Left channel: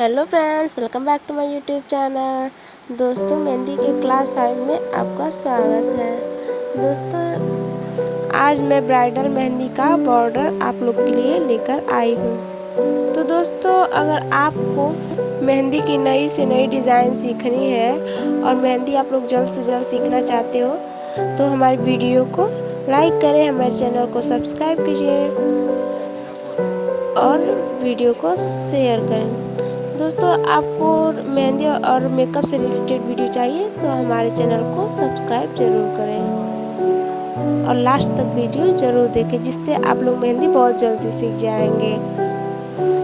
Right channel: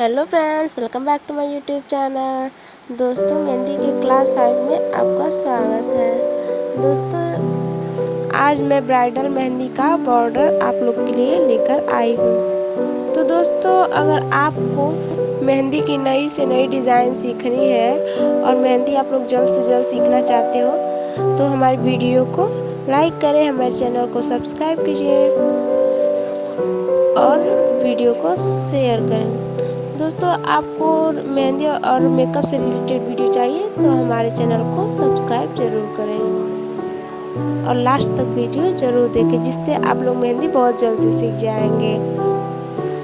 Hello friends, welcome back to my YouTube channel. दोस्तों, मेहंदी के class 5 में आपका स्वागत है। दोस्तों, आज मैं ब्राइडल मेहंदी का बॉर्डर आप लोग के लिए लेकर आई हूँ। तो दोस्तों, अगर आपको मेहंदी की नई से नई डिज़ाइन सीखनी है और मेहंदी आप लोग जल्द से जल्द सीखना चाहते हो तो हमारी वीडियो को लाइक करें, हमारे चैनल को सब्सक्राइब कीजिए और वीडियो को शेयर करें। दोस्तों, आपको मेहंदी और मेकअप से रिलेटेड वीडियो चाहिए तो हमारे चैनल को सब्सक्राइब ज़रूर करें और लास्ट तक वीडियो ज़रूर देखें, जिससे आप लोग मेहंदी बहुत जल्दी सीख जाएंगे।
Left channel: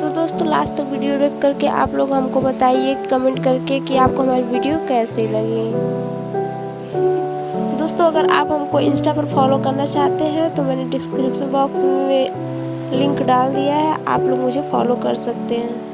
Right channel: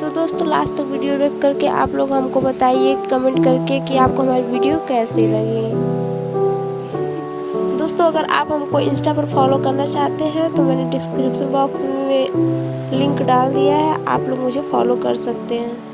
तो दोस्तों, लास्ट तक वीडियो देख करके आप लोग हमको बताइए कमेंट करके कि आपको हमारी वीडियो कैसी लगी। दोस्तों, अगर आप हमको इंस्टा पर फॉलो करना चाहते हैं तो मैंने डिस्क्रिप्शन बॉक्स में लिंक डाल दिया है, आप लोग मुझे फॉलो कर सकते हैं।